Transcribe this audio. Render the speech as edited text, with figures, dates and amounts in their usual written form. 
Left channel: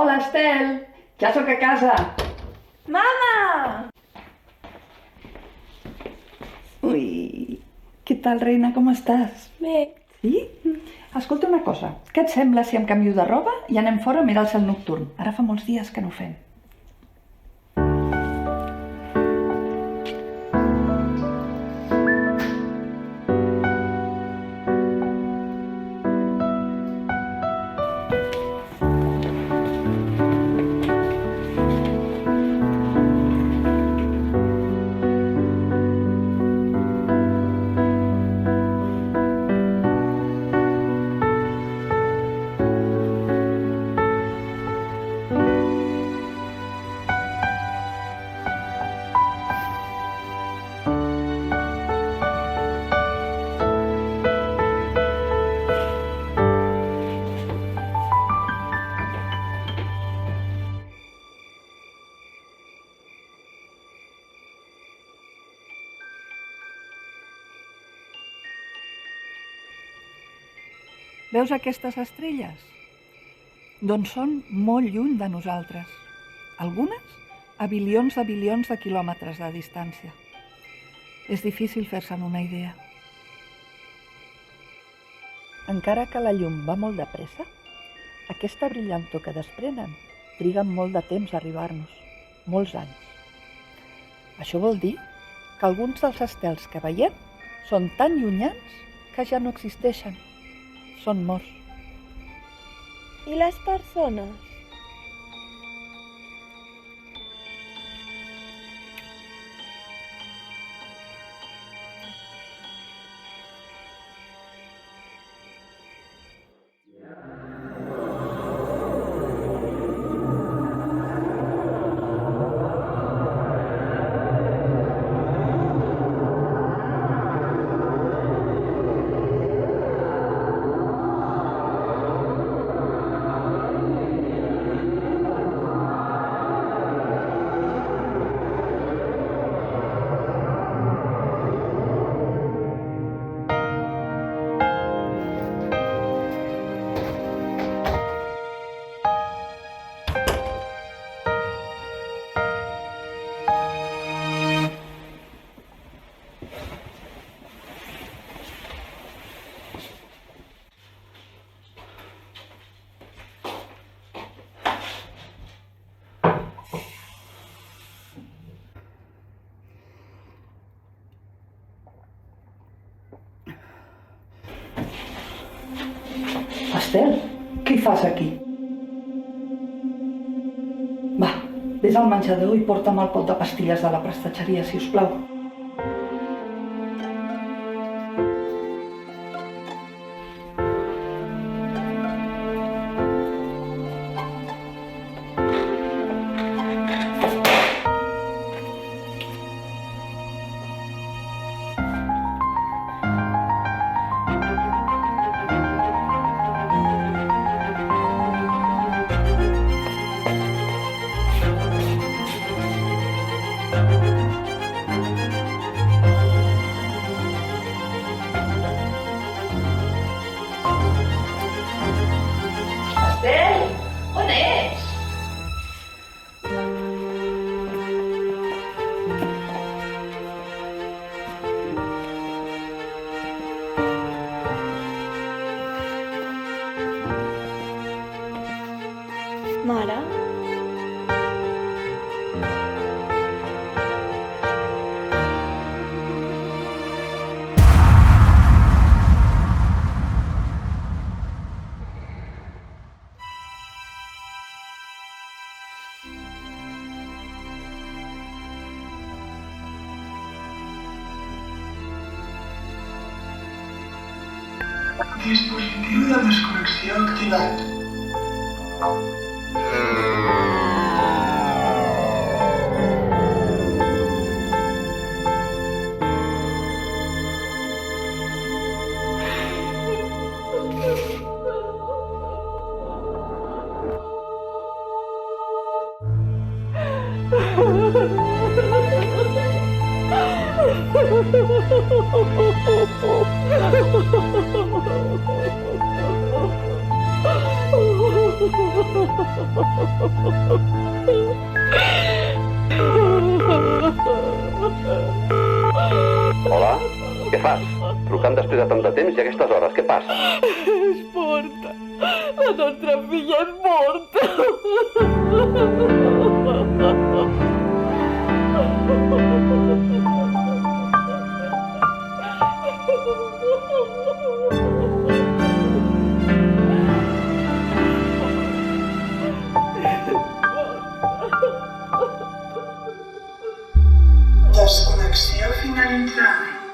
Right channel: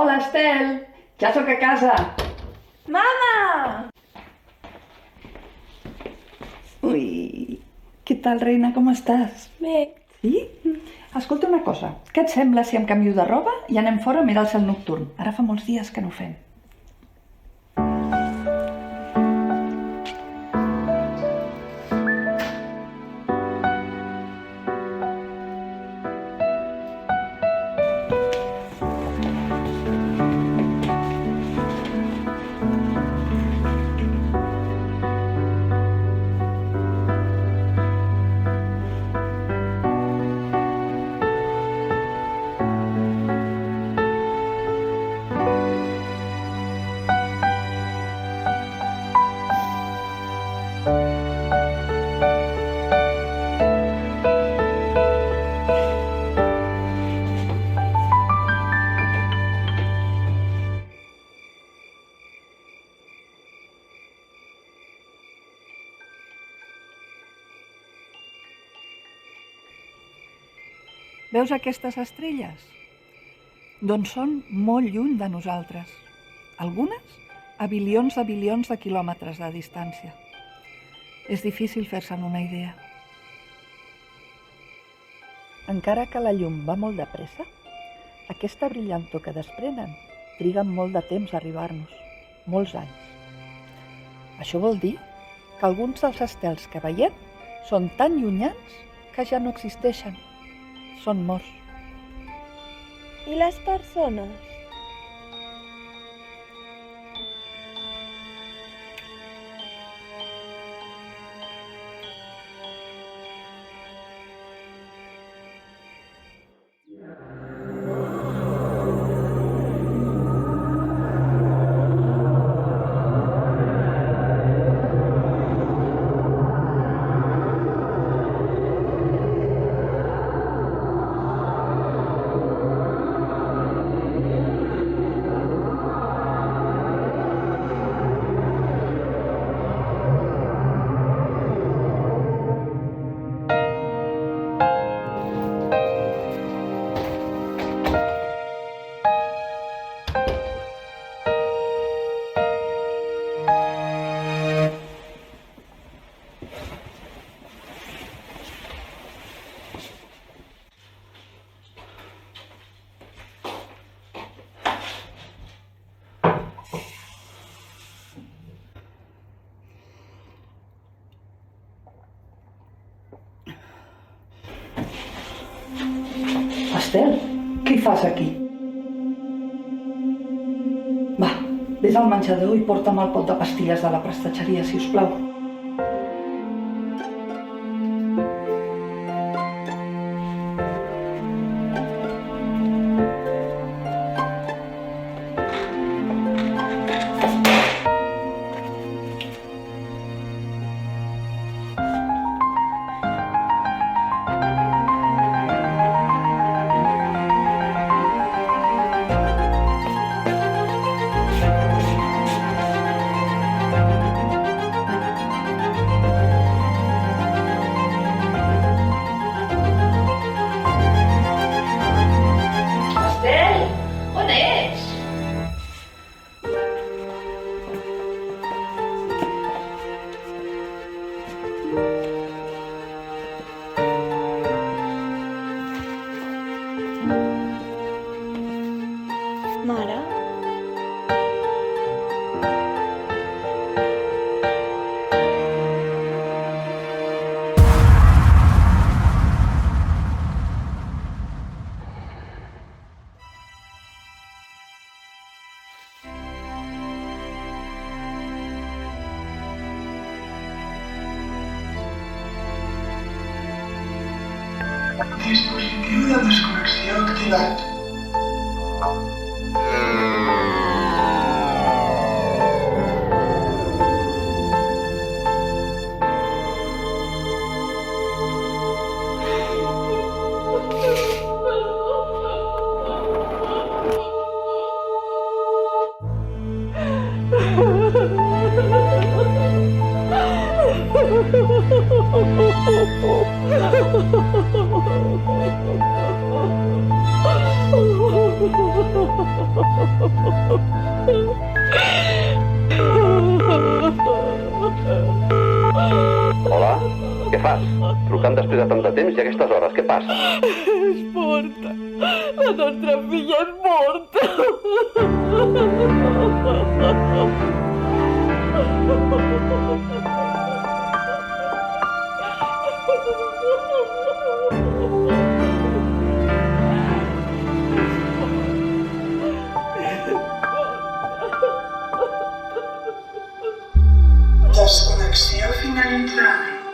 Hola, Estel! Ja sóc a casa! Mama! Ui, què tal, reina, com estàs? Bé. Sí? Escolta una cosa, què et sembla si em canvio de roba i anem fora a mirar el cel nocturn? Ara fa molts dies que no ho fem. Veus aquestes estrelles? Doncs són molt lluny de nosaltres. Algunes a bilions de quilòmetres de distància. És difícil fer-se'n una idea. Encara que la llum va molt de pressa, aquesta brillantor que desprenen triga molt de temps a arribar-nos, molts anys. Això vol dir que alguns dels estels que veiem són tan llunyans que ja no existeixen. Són morts. I les persones? Estel, què hi fas aquí? Va, vés al menjador i porta'm el pot de pastilles de la prestatgeria, si us plau. Estel, on ets? Mare? Dispositiu de desconnexió activat. Hola? Què fas? Trucant després de tant de temps i a aquestes hores, què passa? És morta. La nostra filla és morta. Desconnexió finalitzada.